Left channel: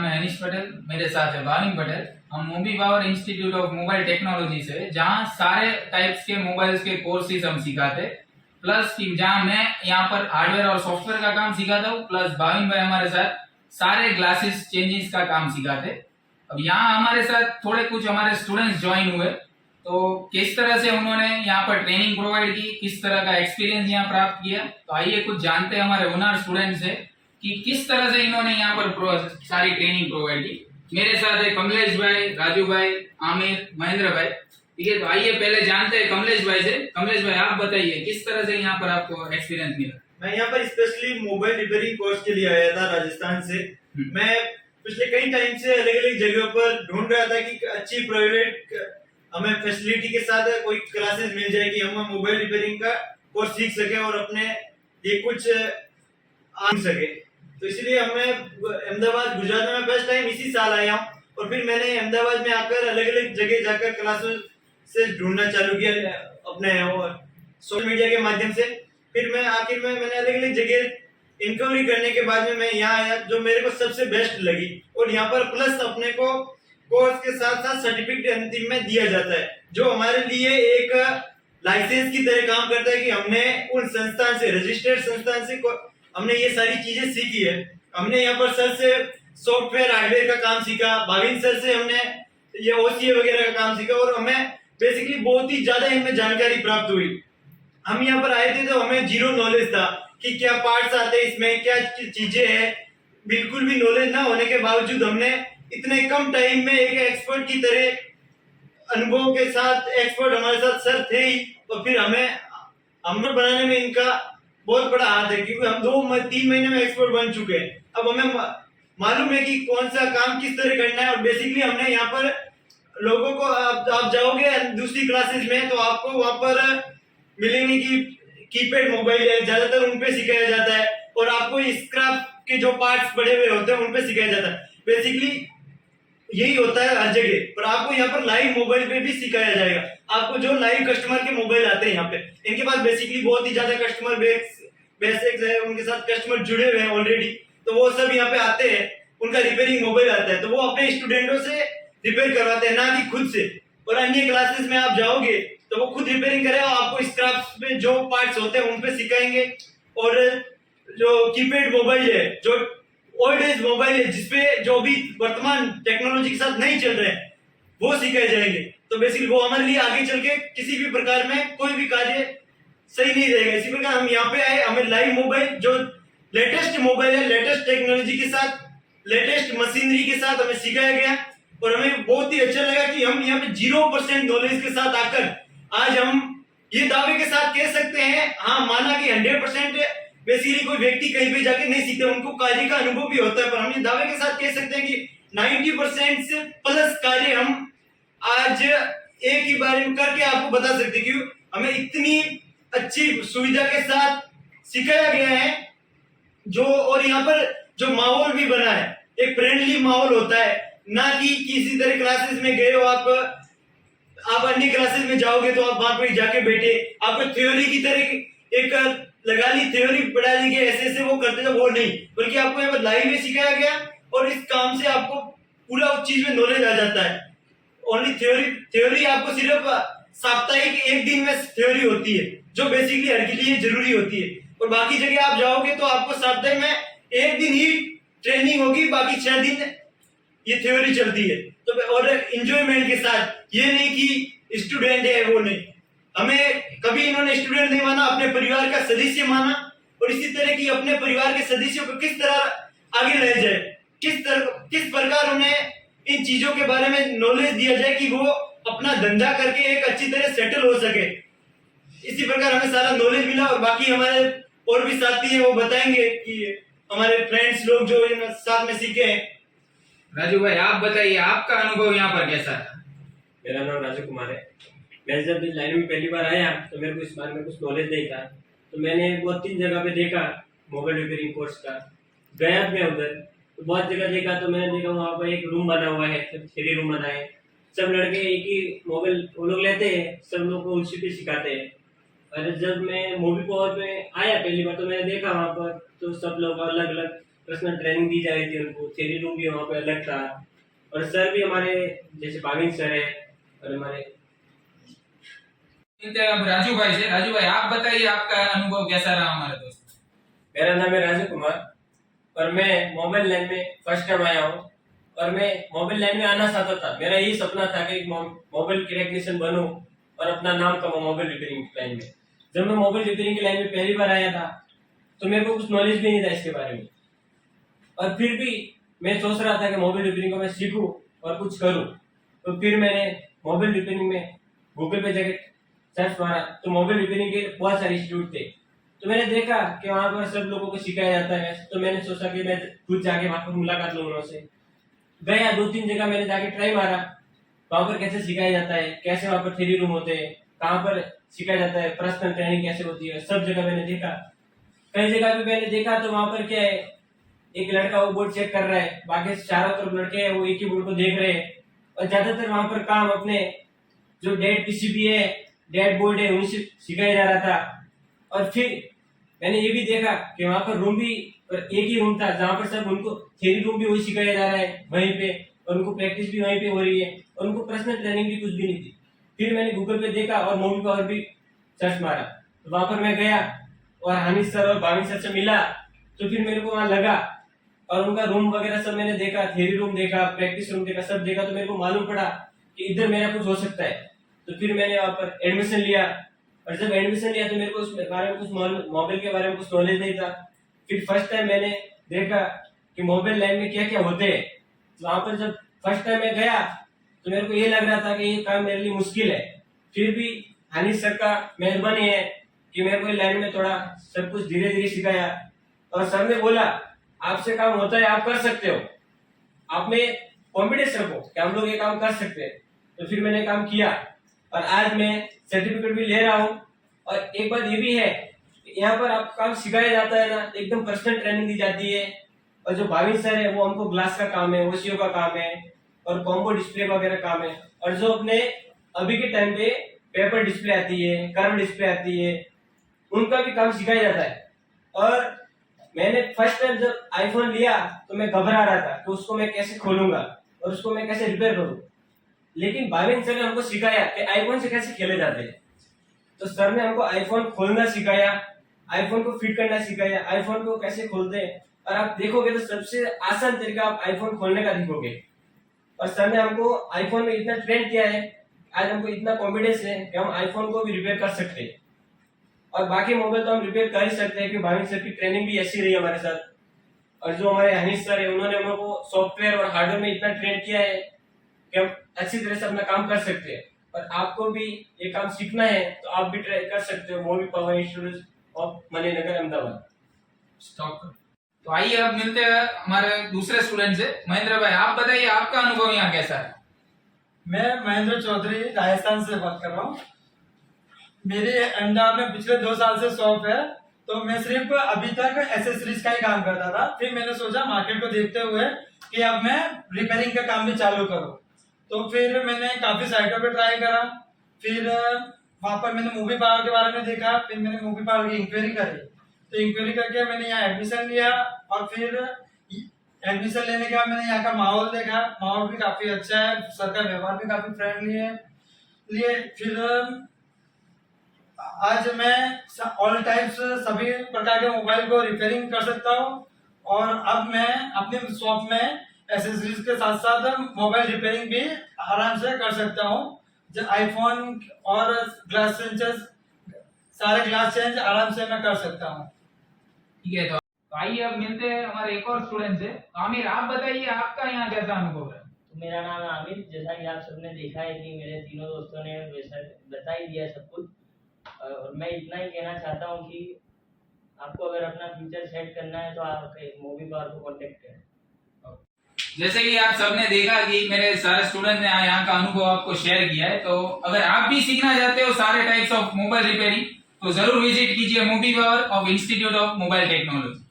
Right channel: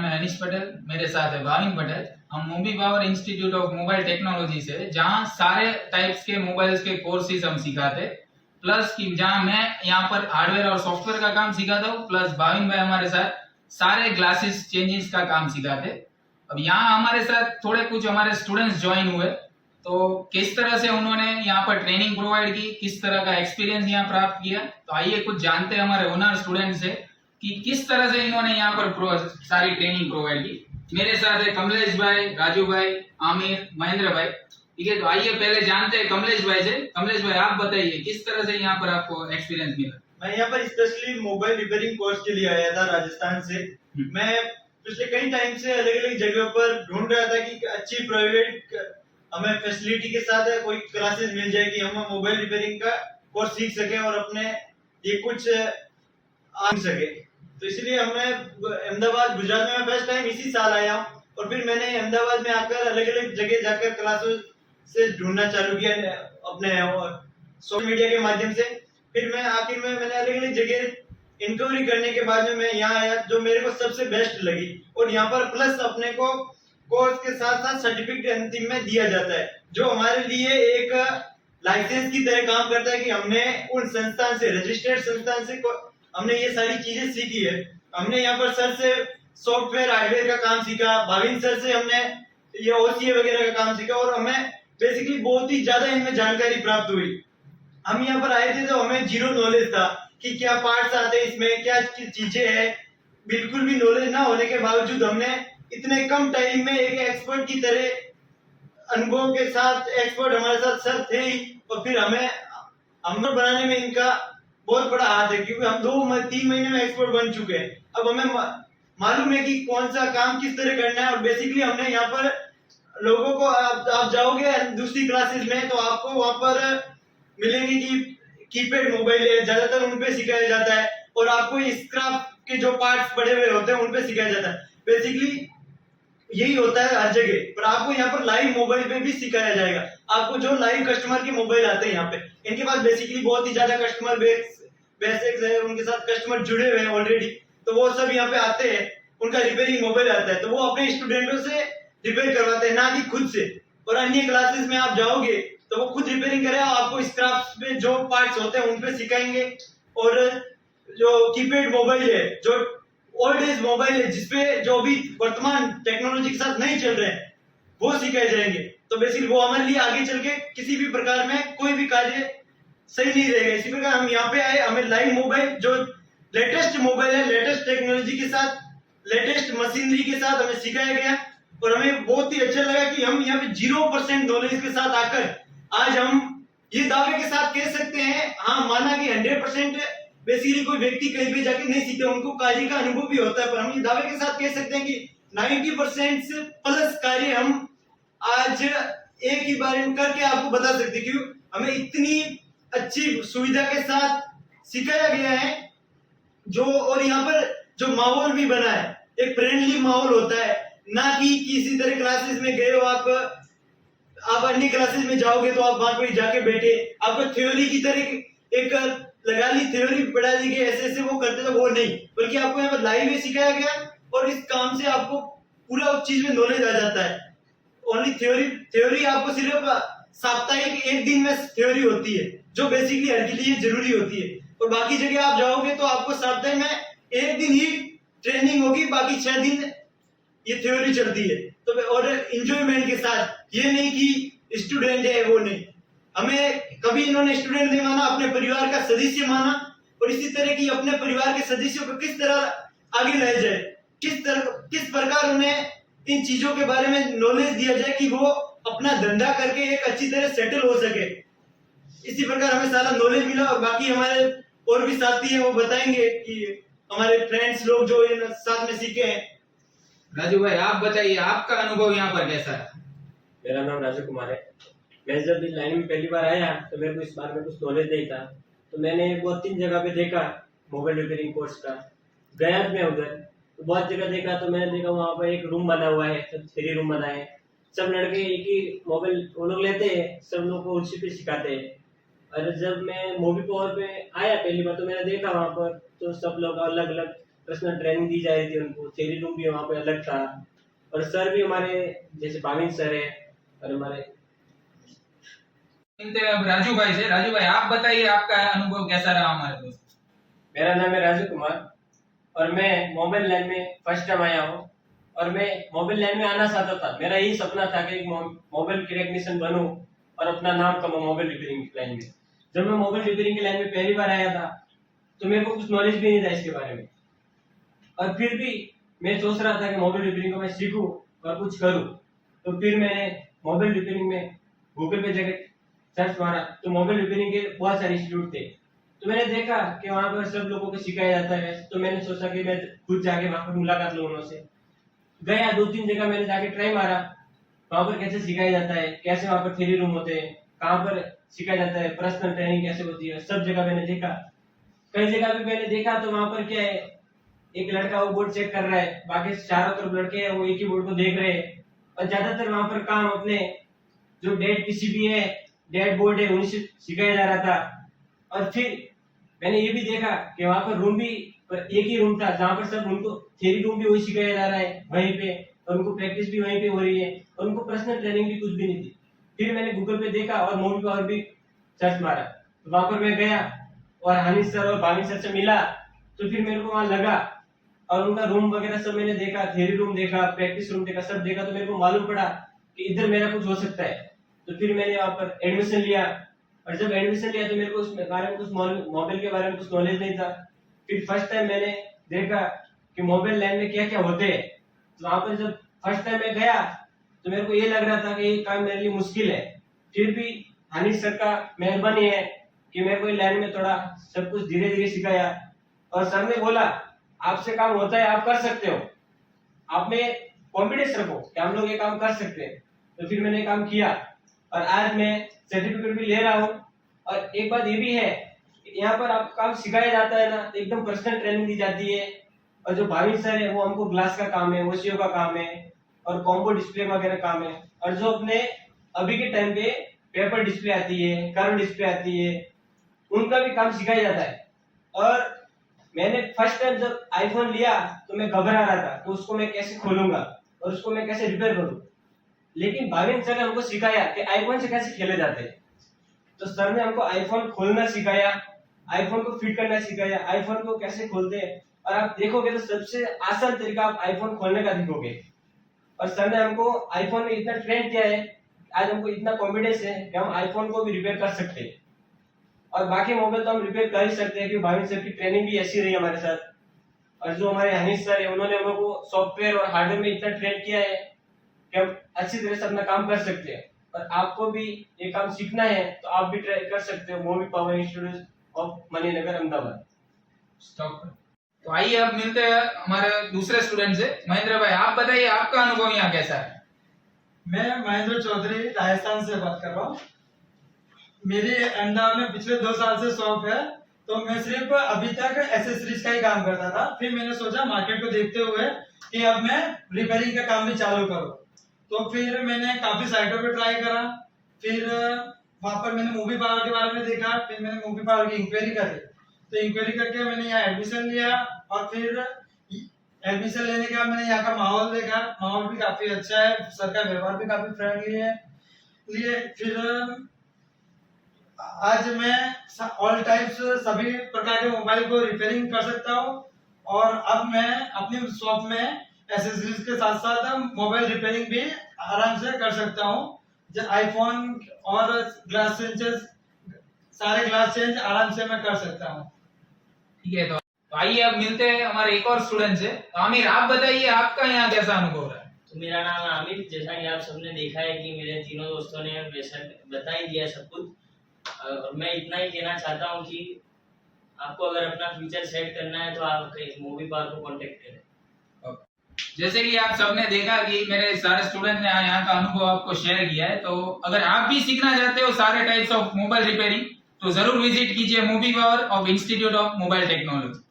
नाम है अनिश पटेल, मेरे साथ है भाविन पटेल। हम Mobi Power Institute of Mobile Technology से, जहाँ सारे टाइप्स के मोबाइल्स के कोर्सेज हम सिखाते, प्लस कि जहाँ मैं यहाँ पर हार्डवेयर और सॉफ्टवेयर का काम सिखाता हूँ, प्लस भाविन भाई हमारे साथ सारे ग्लासेस चेंजेस का काम सिखाते। अब यहाँ हमारे साथ थोड़े कुछ हमारे स्टूडेंट्स ज्वाइन हुए, तो किस तरह से उन्होंने यहाँ पर ट्रेनिंग प्रोवाइड की, किस तरह का एक्सपीरियंस यहाँ प्राप्त किया, तो आइए कुछ जानते हैं हमारे ओनर स्टूडेंट से कि किस तरह से इन्होंने यहाँ पर सारी ट्रेनिंग प्रोवाइड की। मेरे साथ है कमलेश भाई, राजू भाई, आमिर, महेंद्र भाई। ठीक है, तो आइए पहले जानते हैं कमलेश भाई से। कमलेश भाई, आप बताइए किस तरह से यहाँ पर आपको एक्सपीरियंस मिला। मैं यहाँ पर स्पेशली मोबाइल रिपेयरिंग कोर्स के लिए आया था राजस्थान से। मैं पिछले कई टाइम से अलग अलग जगहों पर ढूंढ रहा था कि अच्छी प्राइवेट हमें फैसिलिटी के साथ कोई क्लासेस मिल जाए कि हम मोबाइल रिपेयरिंग का कोर्स सीख सके और अपने ये कुछ आ सके। तो इसलिए हमें अहमदाबाद गुजरात में फर्स्ट टाइम इसी साल आया हूँ, और फिर मैंने अहमदाबाद में आकर अलग अलग जगह जाकर क्लासेस से ढूंढना चालू किया अपने सोशल मीडिया के माध्यम से। फिर मैं आखिर में मैंने अलग अलग जगह इंक्वायरी करने के बाद में मैं यहाँ आया, जो मेरे को सबसे बेस्ट लगी। और यहाँ पर प्लस अपने को कोर्स के साथ साथ सर्टिफिकेट अंतिम में दिया जाता है, जो हमारे लिए एक लाइसेंस की तरह काम करता है कि हमने उन संस्थान से, रजिस्टर्ड संस्थान से हमने ये सारी चीजें सीखी है। हमने यहाँ पर सर से सॉफ्टवेयर हार्डवेयर का काम सीखा, भाविन सर से हमने ये ओसीए वगैरह का काम सीखा, और हमें बेसिकली बहुत ही ज्यादा इनमें जानकारी प्राप्त हुई। हम यहाँ पर आए थे तो हमें जीरो नॉलेज था कि क्या पार्ट्स आते हैं इसमें, क्या चीजें हैं। बिल्कुल भी नॉलेज ना होने के बावजूद हमने इतने कम टाइम में एक एक्सपर्ट की तरह अनुभव के साथ, एक्सपर्ट हमारे साथ सर थे ही, और फिर हमें हमने बनाने में इनका बहुत बड़ा हाथ है, क्योंकि हम 2-3 महीने में एक्सपर्ट बन चुके हैं। अब हमें मालूम है कि कौन सा काम किस तरह करना है। और बेसिकली हमने यहाँ पर लोगों को, आप जाओगे दूसरी क्लासेस में तो आपको वहां पर मिलेंगे कि कीपैड मोबाइल है, ज्यादातर उन पे सिखाया जाता है, और आपको स्क्रैप के जो पार्ट्स पड़े हुए होते हैं उन पे सिखाया जाता है। बेसिकली यही होता है हर जगह, पर आपको यहाँ पर लाइव मोबाइल पे भी सिखाया जाएगा। आपको जो लाइव कस्टमर के मोबाइल आते हैं यहाँ पे, इनके पास बेसिकली बहुत ही ज्यादा कस्टमर बेसिक्स है, उनके साथ कस्टमर जुड़े हुए हैं ऑलरेडी, तो वो सब यहाँ पे आते हैं, उनका रिपेयरिंग मोबाइल आता है, तो वो अपने स्टूडेंटों से रिपेयर करवाते हैं, ना कि खुद से। और अन्य क्लासेस में आप जाओगे तो वो खुद रिपेयरिंग करेगा, आपको स्क्रैप्स में जो पार्ट्स होते हैं उन पे सिखाएंगे। और जो कीपैड मोबाइल है, जो ओल्ड एज मोबाइल है, जिसपे जो भी वर्तमान टेक्नोलॉजी के साथ नहीं चल रहे हैं, वो सिखाए जाएंगे। तो बेसिकली वो हमारे लिए आगे चल के किसी भी प्रकार में कोई भी कार्य सही नहीं रहेगा। इसी प्रकार हम यहाँ पे आए, हमें लाइव मोबाइल, जो लेटेस्ट मोबाइल है, लेटेस्ट टेक्नोलॉजी के साथ, लेटेस्ट मशीनरी के साथ हमें सिखाया गया, और हमें बहुत ही अच्छा लगा कि हम यहाँ पे 0% नॉलेज के साथ आकर आज हम ये दावे के साथ कह सकते हैं, हाँ माना कि 100% बेसिकली कोई व्यक्ति कहीं पे जाके नहीं सीखता, उनको कार्य का अनुभव भी होता है, पर हम ये दावे के साथ कह सकते हैं कि 90% से प्लस कार्य हम आज एक ही बार में करके आपको बता सकते हैं, क्यों हमें इतनी अच्छी सुविधा के साथ सिखाया गया है। जो और यहाँ पर जो माहौल भी बना है, एक फ्रेंडली माहौल होता है, ना कि किसी तरह क्लासेस में गए हो आप अन्य क्लासेस में जाओगे तो आप वहां पर जाके बैठे, आपको थ्योरी की तरह एक लगा ली, थ्योरी पढ़ा दी गई, ऐसे वो करते थे, वो नहीं, बल्कि आपको यहाँ पर लाइव में सिखाया गया, और इस काम से आपको पूरा उस चीज में नॉलेज आ जाता है। ओनली थ्योरी आपको सिर्फ साप्ताहिक एक दिन में थ्योरी होती है, जो बेसिकली हर के लिए जरूरी होती है, और बाकी जगह आप जाओगे तो आपको साप्ताहिक में एक दिन ही ट्रेनिंग होगी, बाकी 6 दिन ये थ्योरी चलती है। तो और एंजॉयमेंट के साथ, ये नहीं कि स्टूडेंट है वो नहीं, हमें कभी इन्होंने स्टूडेंट नहीं माना, अपने परिवार का सदस्य माना, और इसी तरह की अपने परिवार के सदस्यों को किस तरह आगे लाया जाए, किस प्रकार उन्हें इन चीजों के बारे में नॉलेज दिया जाए कि वो अपना धंधा करके एक अच्छी तरह सेटल हो सके। इसी प्रकार हमें सारा नॉलेज मिला, और बाकी हमारे और भी साथी हैं, वो बताएंगे कि हमारे फ्रेंड्स लोग जो साथ में सीखे हैं। राजू भाई, आप बताइए आपका अनुभव यहाँ पर कैसा है। मेरा नाम राजू कुमार है। मैं जब इस लाइन में पहली बार आया तो मेरे को इस बारे में कुछ नॉलेज नहीं था, तो मैंने 2-3 जगह पे देखा मोबाइल रिपेयरिंग कोर्स का, गया मैं उधर तो बहुत जगह देखा, तो मैंने देखा वहाँ पर एक रूम बना हुआ है, सब 3 रूम बनाए, सब लड़के एक ही मोबाइल वो लोग लेते हैं, सब लोग को उसी पे सिखाते हैं। और जब मैं मोबी पावर पे आया पहली बार तो मैंने देखा वहाँ पर तो सब लोग अलग अलग पर्सनल ट्रेनिंग दी जा रही थी उनको, थ्योरी रूम भी वहाँ पे अलग था, और सर भी हमारे जैसे भाविन सर है, और हमारे अब राजू भाई से। राजू भाई आप बताइए आपका अनुभव कैसा रहा हमारे दोस्त। मेरा नाम है राजू कुमार, और मैं मोबाइल लाइन में फर्स्ट टाइम आया हूँ, और मैं मोबाइल लाइन में आना चाहता था। मेरा यही सपना था कि एक मोबाइल की टेक्नीशियन बनूं और अपना नाम कमाऊं मोबाइल रिपेयरिंग की लाइन में। जब मैं मोबाइल रिपेयरिंग की लाइन में पहली बार आया था तो मेरे को कुछ नॉलेज भी नहीं था इसके बारे में, और फिर भी मैं सोच रहा था कि मोबाइल रिपेयरिंग को मैं सीखूं और कुछ करूं। तो फिर मैंने मोबाइल रिपेयरिंग में गूगल पे जाके सर्च मारा, तो मोबाइल रिपेयरिंग के बहुत सारे इंस्टीट्यूट थे। तो मैंने देखा कि वहां पर सब लोगों को सिखाया जाता है, तो मैंने सोचा कि मैं खुद जाके वहां पर मुलाकात लूं उनसे। गया 2-3 जगह मैंने जाके ट्राई मारा, वहां पर कैसे सिखाया जाता है, कैसे वहां पर थ्योरी रूम होते हैं, कहाँ पर सिखाया जाता है, पर्सनल ट्रेनिंग कैसे होती है, सब जगह मैंने देखा। कई जगह पे मैंने देखा तो वहां पर क्या है, एक लड़का वो बोर्ड चेक कर रहा है, बाकी चारों तरफ लड़के हैं वो एक ही बोर्ड को देख रहे हैं, और ज्यादातर वहां पर काम अपने जो डेड पीसीबी है, डेड बोर्ड है, उन्हीं से सिखाया जा रहा था। और फिर मैंने ये भी देखा कि वहां पर रूम भी एक ही रूम था जहां पर सब उनको थ्योरी रूम भी वही सिखाया जा रहा है वहीं पे, और उनको प्रैक्टिस भी वहीं पे हो रही है, और उनको पर्सनल ट्रेनिंग भी कुछ भी नहीं थी। फिर मैंने गूगल पे देखा और मूवी पावर भी सर्च मारा, तो वहां पर मैं गया और हानिश सर और भाविन सर से मिला। तो फिर मेरे को वहां लगा और उनका रूम वगैरह सब मैंने देखा, थ्योरी रूम देखा, प्रैक्टिस रूम देखा, सब देखा, तो मेरे को मालूम पड़ा कि इधर मेरा कुछ हो सकता है। तो फिर मैंने वहां पर एडमिशन लिया, और जब एडमिशन लिया तो मेरे को उस बारे में कुछ मोबाइल के बारे में कुछ नॉलेज नहीं था। फिर फर्स्ट टाइम मैंने देखा कि मोबाइल लाइन में क्या क्या होते हैं। तो वहां पर जब फर्स्ट टाइम मैं गया तो मेरे को ये लग रहा था कि ये काम मेरे लिए मुश्किल है। फिर भी हानिश सर का मेहरबानी है कि मेरे को ये लाइन में थोड़ा सब कुछ धीरे धीरे सिखाया, और सर ने बोला आपसे काम होता है, आप कर सकते हो, आप में कॉन्फिडेंस रखो कि हम लोग ये काम कर सकते हैं। तो फिर मैंने काम किया और आज मैं सर्टिफिकेट भी ले रहा हूँ। और एक बात ये भी है, यहाँ पर आप काम सिखाया जाता है ना, एकदम पर्सनल ट्रेनिंग दी जाती है। और जो भाविन सर है वो हमको ग्लास का काम है, ओसीओ का काम है, और कॉम्बो डिस्प्ले वगैरह काम है। और जो अपने अभी के टाइम पे पेपर डिस्प्ले आती है, कर्व डिस्प्ले आती है, उनका भी काम सिखाया जाता है। और मैंने फर्स्ट टाइम जब आईफोन लिया तो मैं घबरा रहा था कि उसको मैं कैसे खोलूंगा और उसको मैं कैसे रिपेयर करूं, लेकिन भाविन सर ने हमको सिखाया कि आईफोन से कैसे खेले जाते हैं। तो सर ने हमको आईफोन खोलना सिखाया, आईफोन को फिट करना सिखाया, आईफोन को कैसे खोलते हैं, और आप देखोगे तो सबसे आसान तरीका आप आईफोन खोलने का दिखोगे। और सर ने हमको आईफोन में इतना ट्रेन किया है, आज हमको इतना कॉन्फिडेंस है कि हम आईफोन को भी रिपेयर कर सकते हैं, और बाकी मोबाइल तो हम रिपेयर कर ही सकते हैं कि भाविन सर की ट्रेनिंग भी ऐसी रही हमारे साथ। और जो हमारे हनीश सर है उन्होंने हम लोग को सॉफ्टवेयर और हार्डवेयर में इतना ट्रेन किया है कि हम अच्छी तरह से अपना काम कर सकते हैं। और आपको भी ये काम सीखना है तो आप भी ट्राई कर सकते हो, movie power Institute of Maninagar Ahmedabad. Stop करो। तो आइए अब मिलते हैं हमारे दूसरे स्टूडेंट से। महेंद्र भाई आप बताइए आपका अनुभव यहाँ कैसा है। मैं महेंद्र चौधरी राजस्थान से बात कर रहा हूँ। मेरी अहमदाबाद में पिछले 2 साल से शॉप है, तो मैं सिर्फ अभी तक एसेसरीज का ही काम करता था। फिर मैंने सोचा मार्केट को देखते हुए कि अब मैं रिपेयरिंग का काम भी चालू करूँ। तो फिर मैंने काफी साइटों पे ट्राई करा, फिर वहां पर मैंने मूवी पावर के बारे में देखा, फिर मैंने मूवी पावर की इंक्वायरी करी। तो इंक्वायरी करके मैंने यहाँ एडमिशन लिया, और फिर एडमिशन लेने के बाद मैंने यहाँ का माहौल देखा, माहौल भी काफी अच्छा है, सर का व्यवहार भी काफी फ्रेंडली है। फिर आज मैं ऑल टाइप्स सभी प्रकार के मोबाइल को रिपेयरिंग कर सकता हूँ, और अब मैं अपने शॉप में एसेसरीज के साथ साथ मोबाइल रिपेयरिंग भी आराम से कर सकता हूँ। आईफोन और ग्लास चेंजेस, सारे ग्लास चेंज आराम से मैं कर सकता हूँ। ठीक है, तो आइए अब मिलते हैं हमारे एक और स्टूडेंट से। तो आमिर आप बताइए आपका यहाँ कैसा अनुभव रहा है। तो मेरा नाम है आमिर। जैसा कि आप सबने देखा है कि मेरे तीनों दोस्तों ने वैसा बता ही दिया सब कुछ, और मैं इतना ही कहना चाहता हूँ कि आपको अगर अपना फ्यूचर सेट करना है तो आप मूवी पावर को कांटेक्ट करें। जैसे कि आप सबने देखा कि मेरे सारे स्टूडेंट ने यहाँ का अनुभव आपको शेयर किया है, तो अगर आप भी सीखना चाहते हो सारे टाइप्स ऑफ मोबाइल रिपेयरिंग तो जरूर विजिट कीजिए movie power of institute of Mobile technology.